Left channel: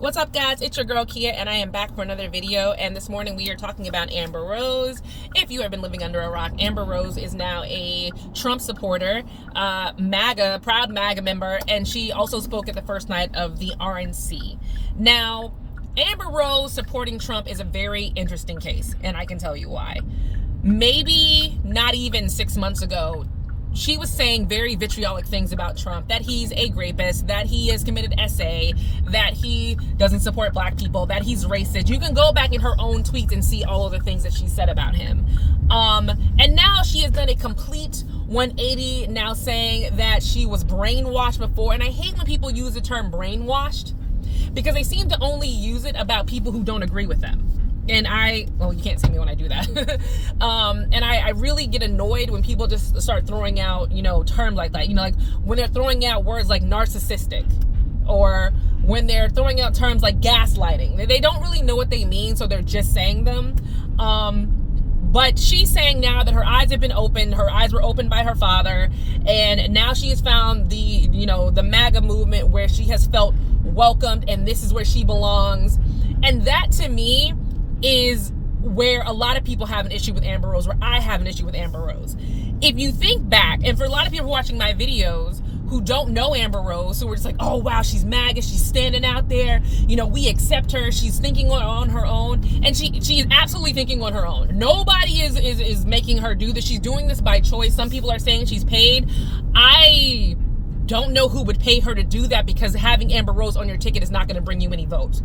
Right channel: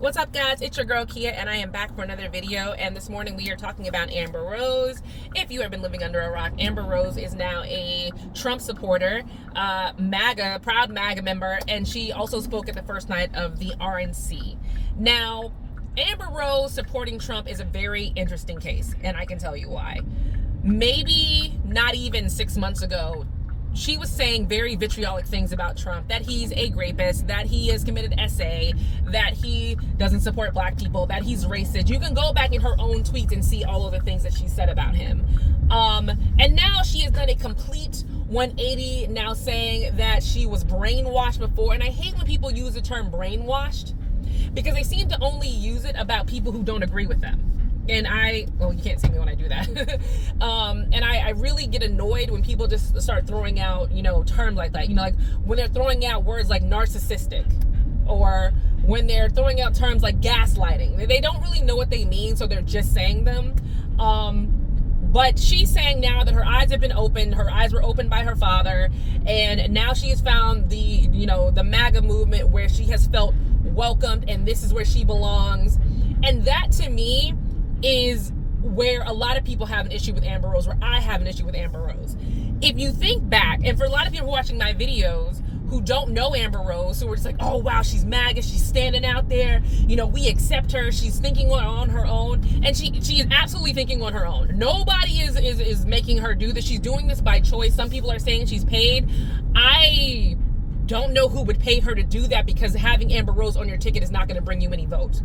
What's up, guys? It's your girl Kia, and I am back for another video. And this morning we are talking about Amber Rose. If you have been living under a rock, Amber Rose is now a Trump supporter, proud MAGA member, and she also spoke at the first night of the RNC. Now, Amber Rose supporting Trump is a very interesting case, and I can tell you why. Maybe not even 6 months ago, she was saying very vitriolic things about Trump, that he's a rapist, that he has committed SA, that he doesn't support black people, that he's racist. You can go back in her own tweets and see all of the things that she said about him. And now she has done a complete 180, now saying that she was brainwashed before. And I hate when people use the term brainwashed because they seem to only use it about people who don't agree with them. And you can't see me when I do that. And I really get annoyed when people just start throwing out, terms like that. Like when they're throwing out words like narcissistic, or when they're throwing out terms like gaslighting. They don't really know what they mean, so they're just saying them. But she's saying now that her eyes have been opened. Her eyes were opened by her father, and now she has found the MAGA movement where she has felt welcomed, and this is where she belongs. And that, to me, is where a lot of people have an issue with Amber Rose, where I have an issue with Amber Rose. If you think back, and for a lot of people watching my videos who don't know Amber Rose, who are just like, oh wow, she's MAGA, she's standing out there, we accept her, she's thinking on her own, and she is absolutely thinking on her own. Nobody is making her do this. She's doing this by choice. Some people are saying she's paid. I don't know who would pay her to do that, because having Amber Rose on your ticket is not going to bring you any votes.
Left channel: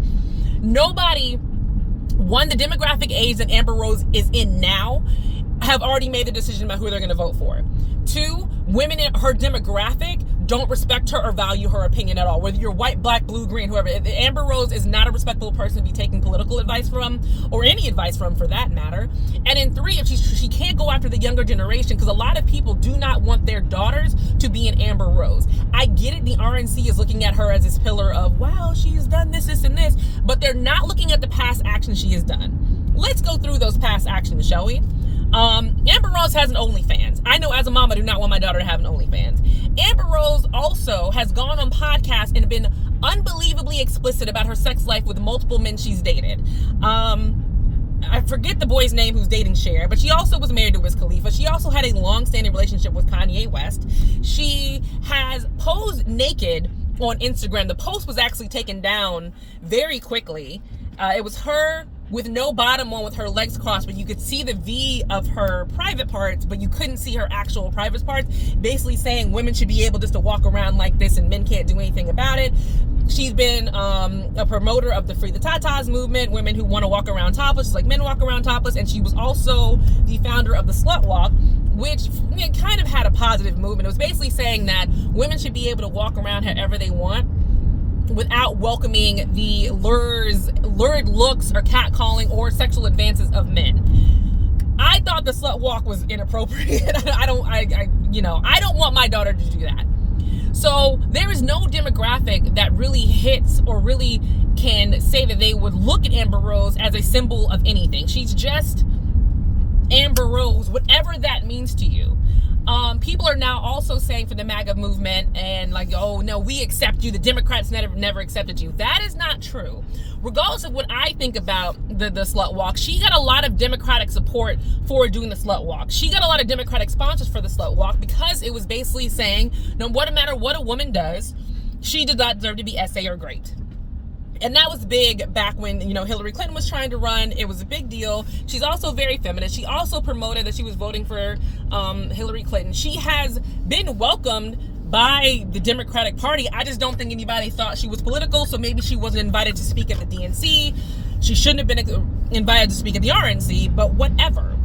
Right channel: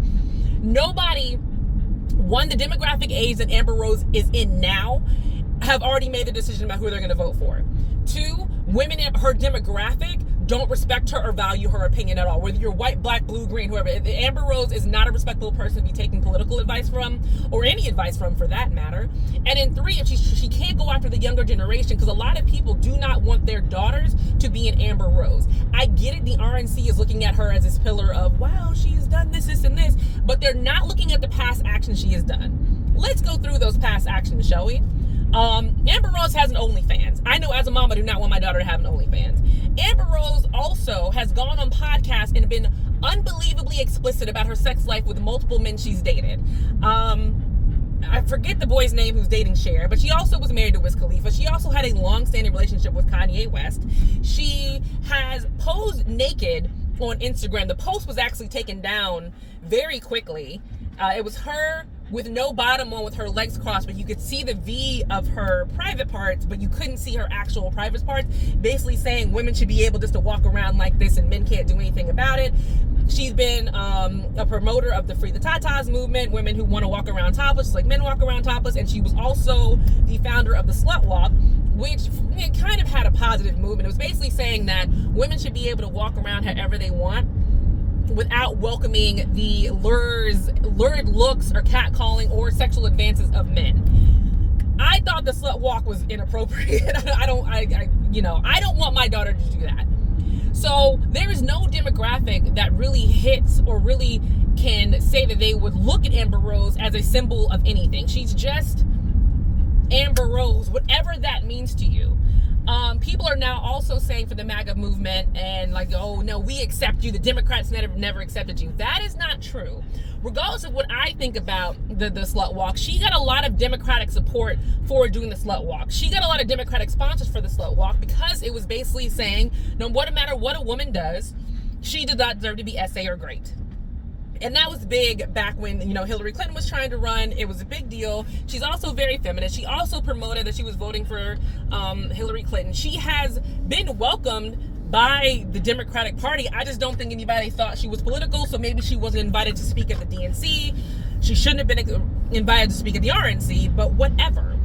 One, the demographic age that Amber Rose is in now have already made the decision about who they're going to vote for. Two, women in her demographic don't respect her or value her opinion at all. Whether you're white, black, blue, green, whoever. Amber Rose is not a respectable person to be taking political advice from, or any advice from for that matter. And in three, if she can't go after the younger generation, because a lot of people do not want their daughters to be an Amber Rose. I get it, the RNC is looking at her as this pillar of, wow, she's done this, and this, but they're not looking at the past actions she has done. Let's go through those past actions, shall we? Amber Rose has an OnlyFans. I know as a mom, I do not want my daughter to have an OnlyFans. Amber Rose also has gone on podcasts and been unbelievably explicit about her sex life with multiple men she's dated. I forget the boy's name who's dating Cher, but she also was married to Wiz Khalifa. She also had a long-standing relationship with Kanye West. She has posed naked on Instagram. The post was actually taken down very quickly. It was her with no bottom on, with her legs crossed, but you could see the V of her private parts, but you couldn't see her actual private parts, basically saying women should be able just to walk around like this and men can't do anything about it. She's been a promoter of the Free the Tatas movement, women who want to walk around topless, just like men walk around topless, and she was also the founder of the Slut Walk, which kind of had a positive movement. It was basically saying that women should be able to walk around however they want, without welcoming the lurid looks or catcalling or sexual advances of men. I thought the Slut Walk was inappropriate. I don't want my daughter to do that. So there is no demographic that really hits or really can say that they would look at Amber Rose as a symbol of anything. She's just Amber Rose, whatever that means to you. People are now also saying for the MAGA movement and like, oh no, we accept you. The Democrats never accepted you. That is not true. Regardless of what I think about the Slut Walk, she got a lot of Democratic support for doing the Slut Walk. She got a lot of Democratic sponsors for the Slut Walk because it was basically saying, no matter what a woman does, she does not deserve to be SA or great. And that was big back when, Hillary Clinton was trying to run. It was a big deal. She's also very feminist. She also promoted that she was voting for Hillary Clinton. She has been welcomed by the Democratic Party. I just don't think anybody thought she was political, so maybe she wasn't invited to speak at the DNC. She shouldn't have been invited to speak at the RNC, but whatever.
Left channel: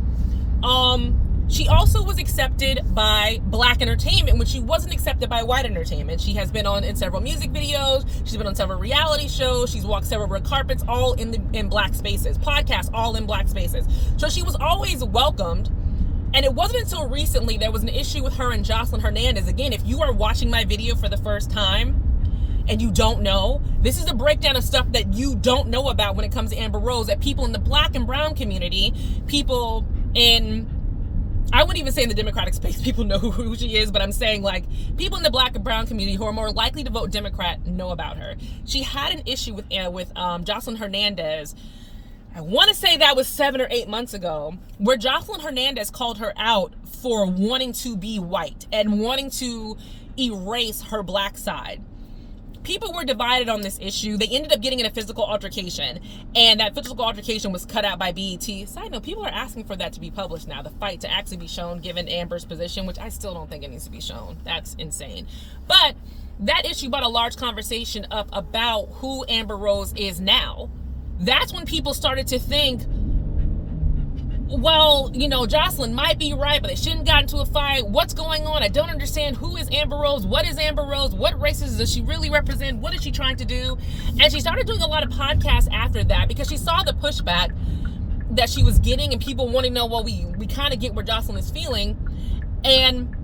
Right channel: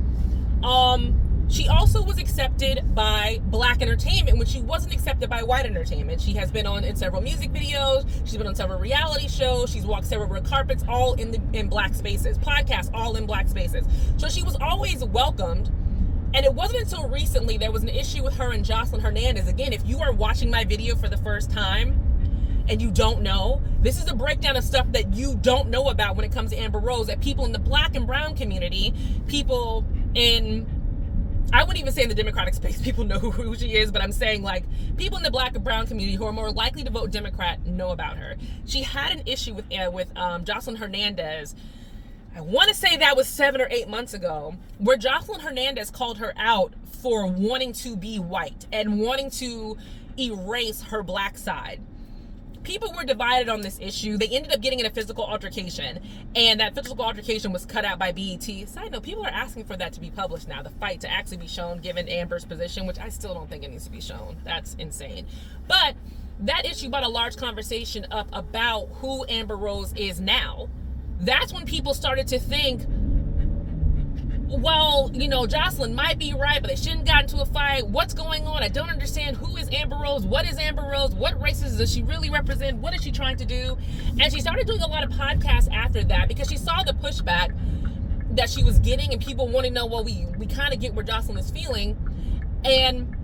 She also was accepted by black entertainment when she wasn't accepted by white entertainment. She has been in several music videos. She's been on several reality shows. She's walked several red carpets, all in black spaces. Podcasts, all in black spaces. So she was always welcomed. And it wasn't until recently there was an issue with her and Jocelyn Hernandez. Again, if you are watching my video for the first time and you don't know, this is a breakdown of stuff that you don't know about when it comes to Amber Rose, that people in the black and brown community, people in I wouldn't even say in the Democratic space people know who she is, but I'm saying like people in the black and brown community who are more likely to vote Democrat know about her. She had an issue with Jocelyn Hernandez. I want to say that was 7 or 8 months ago, where Jocelyn Hernandez called her out for wanting to be white and wanting to erase her black side. People were divided on this issue. They ended up getting in a physical altercation, and that physical altercation was cut out by BET. Side note, people are asking for that to be published now, the fight to actually be shown given Amber's position, which I still don't think it needs to be shown. That's insane. But that issue brought a large conversation up about who Amber Rose is now. That's when people started to think, well, you know, Jocelyn might be right, but they shouldn't get into a fight. What's going on? I don't understand. Who is Amber Rose? What is Amber Rose? What races does she really represent? What is she trying to do? And she started doing a lot of podcasts after that because she saw the pushback that she was getting, and people want to know, well, we kind of get where Jocelyn is feeling. And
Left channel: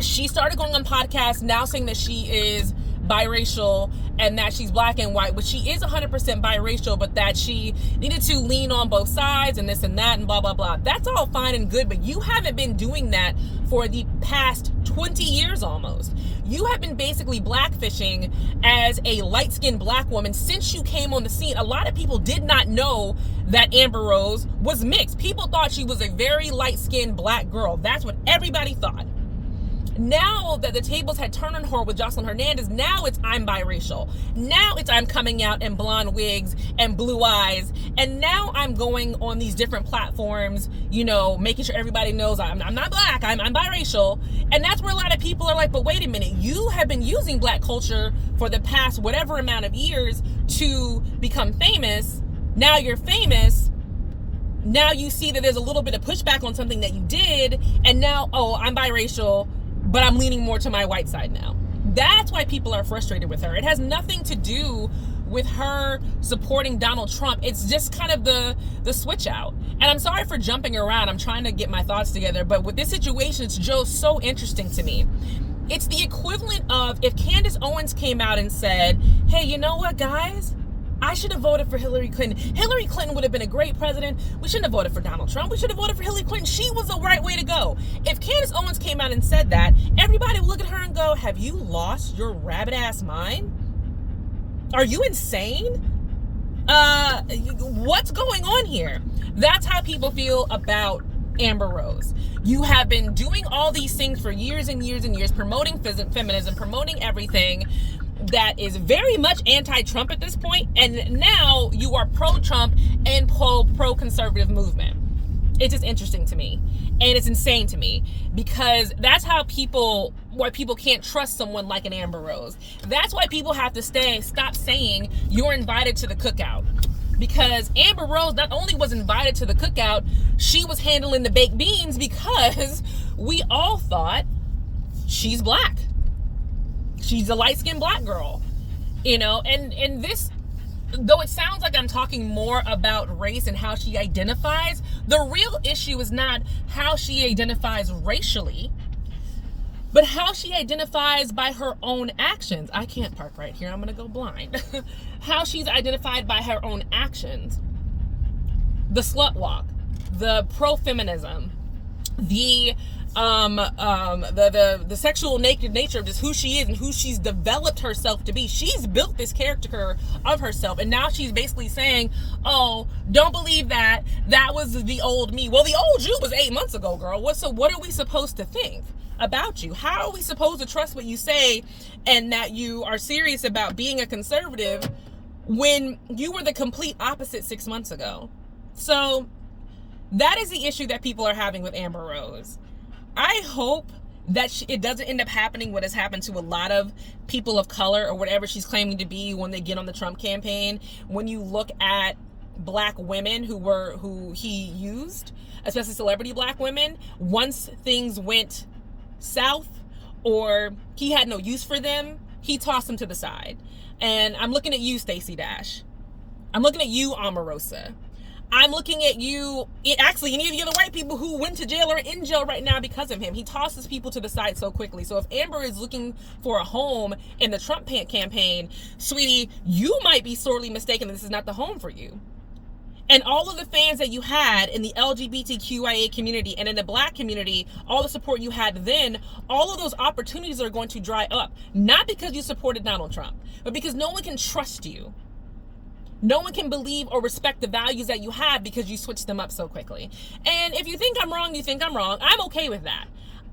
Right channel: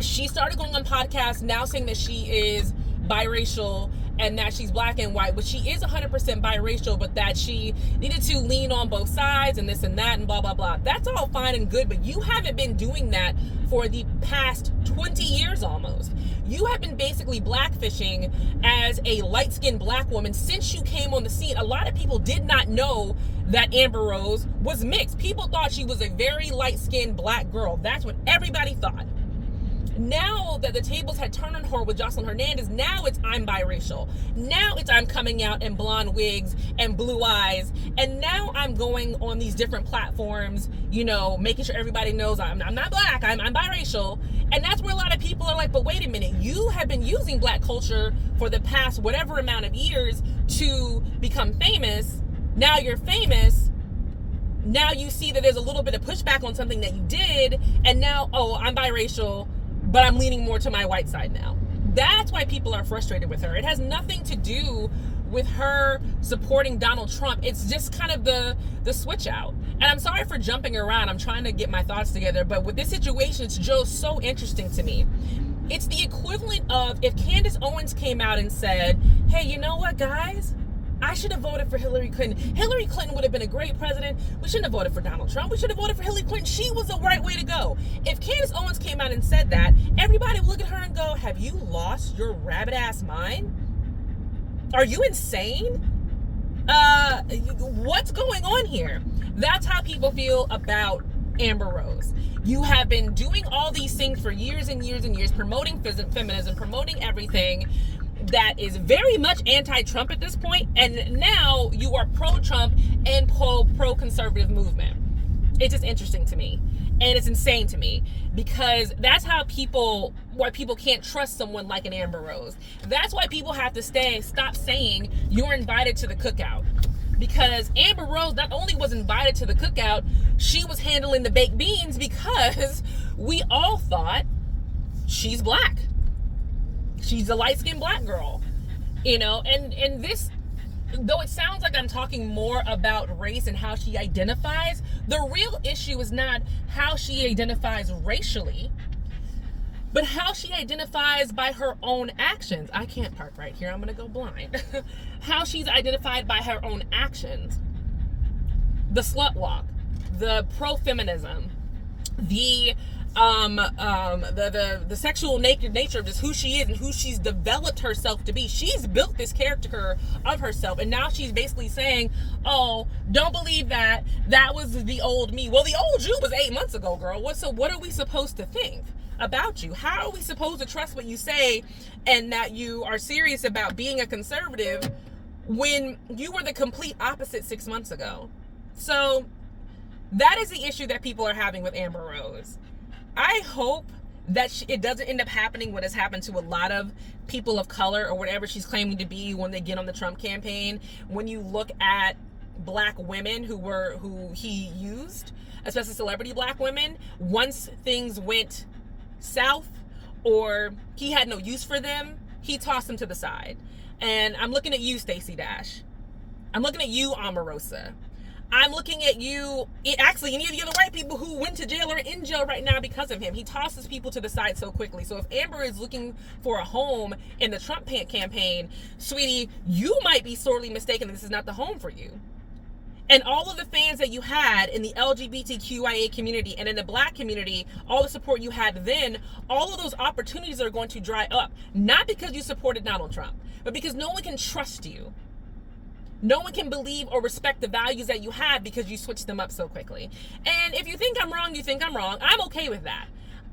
she started going on podcasts now saying that she is biracial and that she's black and white, which she is 100% biracial, but that she needed to lean on both sides and this and that and blah, blah, blah. That's all fine and good, but you haven't been doing that for the past 20 years almost. You have been basically blackfishing as a light-skinned black woman since you came on the scene. A lot of people did not know that Amber Rose was mixed. People thought she was a very light-skinned black girl. That's what everybody thought. Now that the tables had turned on her with Jocelyn Hernandez, now it's I'm biracial. Now it's I'm coming out in blonde wigs and blue eyes. And now I'm going on these different platforms, you know, making sure everybody knows I'm not black, I'm biracial. And that's where a lot of people are like, but wait a minute, you have been using black culture for the past whatever amount of years to become famous. Now you're famous. Now you see that there's a little bit of pushback on something that you did. And now, oh, I'm biracial, but I'm leaning more to my white side now. That's why people are frustrated with her. It has nothing to do with her supporting Donald Trump. It's just kind of the switch out. And I'm sorry for jumping around. I'm trying to get my thoughts together. But with this situation, it's just so interesting to me. It's the equivalent of if Candace Owens came out and said, hey, you know what, guys? I should have voted for Hillary Clinton. Hillary Clinton would have been a great president. We shouldn't have voted for Donald Trump. We should have voted for Hillary Clinton. She was the right way to go. If Candace Owens came out and said that, everybody would look at her and go, have you lost your rabbit ass mind? Are you insane? What's going on here? That's how people feel about Amber Rose. You have been doing all these things for years and years and years, promoting feminism, promoting everything that is very much anti-Trump at this point, and now you are pro-Trump and pro-conservative movement. It's just interesting to me, and it's insane to me, because that's how why people can't trust someone like an Amber Rose. That's why people have to stop saying you're invited to the cookout, because Amber Rose not only was invited to the cookout, she was handling the baked beans, because we all thought she's black. She's a light-skinned black girl, you know, and this, though it sounds like I'm talking more about race and how she identifies, the real issue is not how she identifies racially, but how she identifies by her own actions. I can't park right here. I'm going to go blind. How she's identified by her own actions. The slut walk, the pro-feminism, the sexual nature of just who she is and who she's developed herself to be. She's built this character of herself, and now she's basically saying, oh, don't believe that was the old me. Well, the old you was 8 months ago, girl. What are we supposed to think about you? How are we supposed to trust what you say and that you are serious about being a conservative when you were the complete opposite 6 months ago? So that is the issue that people are having with Amber Rose. I hope that it doesn't end up happening what has happened to a lot of people of color or whatever she's claiming to be when they get on the Trump campaign. When you look at black women who he used, especially celebrity black women, once things went south or he had no use for them, he tossed them to the side. And I'm looking at you, Stacey Dash. I'm looking at you, Omarosa. I'm looking at you, actually any of the other white people who went to jail or are in jail right now because of him. He tosses people to the side so quickly. So if Amber is looking for a home in the Trump campaign, sweetie, you might be sorely mistaken. This is not the home for you. And all of the fans that you had in the LGBTQIA community and in the Black community, all the support you had then, all of those opportunities are going to dry up. Not because you supported Donald Trump, but because no one can trust you. No one can believe or respect the values that you have because you switched them up so quickly. And if you think I'm wrong, you think I'm wrong. I'm okay with that.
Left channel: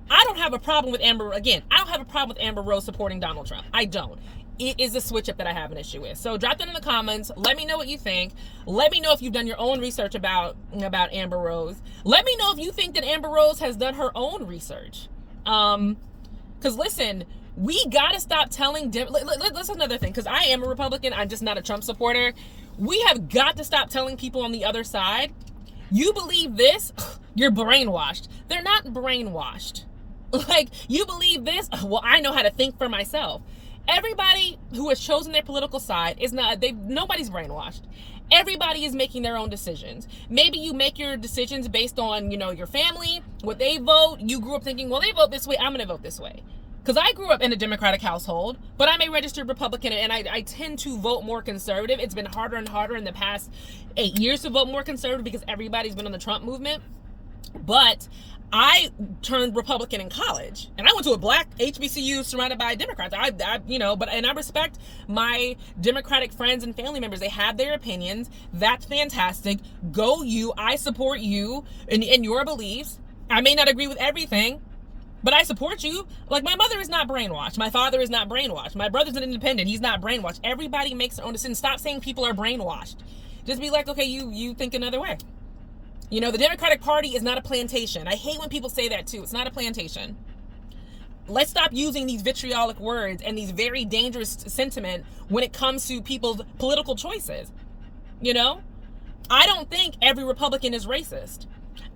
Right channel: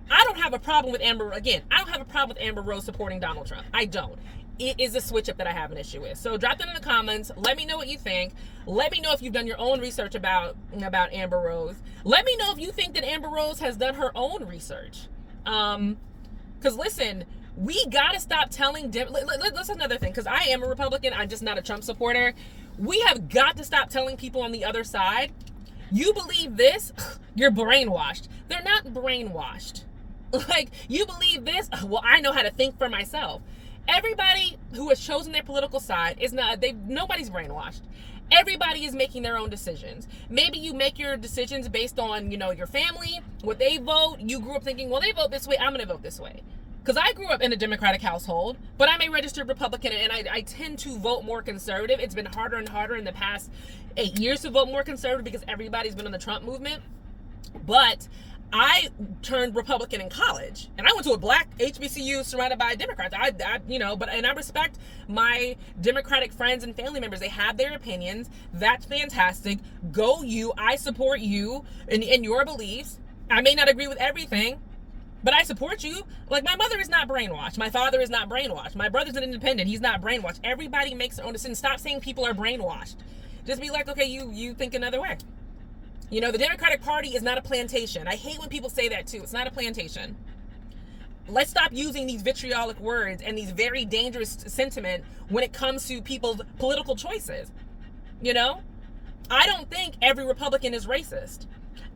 I don't have a problem with Amber Rose supporting Donald Trump. I don't. It is a switch up that I have an issue with. So drop that in the comments. Let me know what you think. Let me know if you've done your own research about Amber Rose. Let me know if you think that Amber Rose has done her own research. Because listen, we gotta stop telling. That's another thing. Because I am a Republican. I'm just not a Trump supporter. We have got to stop telling people on the other side, you believe this, you're brainwashed. They're not brainwashed. Like, you believe this, well, I know how to think for myself. Everybody who has chosen their political side is nobody's brainwashed. Everybody is making their own decisions. Maybe you make your decisions based on, your family, what they vote. You grew up thinking, well, they vote this way, I'm going to vote this way. Because I grew up in a Democratic household, but I'm a registered Republican, and I tend to vote more conservative. It's been harder and harder in the past 8 years to vote more conservative because everybody's been on the Trump movement. But I turned Republican in college, and I went to a Black HBCU surrounded by Democrats. I respect my Democratic friends and family members. They have their opinions. That's fantastic. Go you. I support you in your beliefs. I may not agree with everything, but I support you. Like, my mother is not brainwashed. My father is not brainwashed. My brother's an independent. He's not brainwashed. Everybody makes their own decisions. Stop saying people are brainwashed. Just be like, okay, you think another way. The Democratic Party is not a plantation. I hate when people say that too. It's not a plantation. Let's stop using these vitriolic words and these very dangerous sentiment when it comes to people's political choices. I don't think every Republican is racist.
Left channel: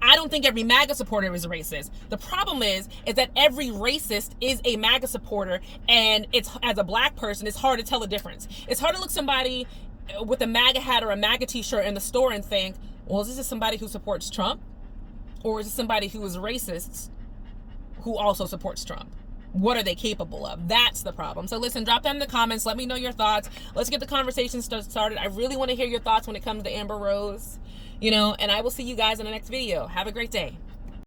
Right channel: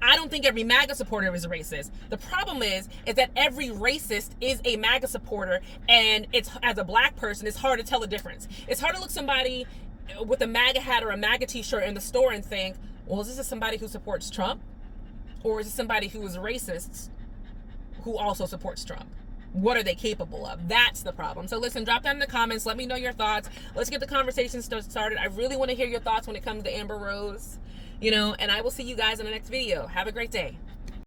I don't think every MAGA supporter is racist. The problem is that every racist is a MAGA supporter, and as a Black person, it's hard to tell the difference. It's hard to look somebody with a MAGA hat or a MAGA t-shirt in the store and think, well, is this somebody who supports Trump? Or is this somebody who is racist who also supports Trump? What are they capable of? That's the problem. So listen, drop that in the comments. Let me know your thoughts. Let's get the conversation started. I really want to hear your thoughts when it comes to Amber Rose. And I will see you guys in the next video. Have a great day.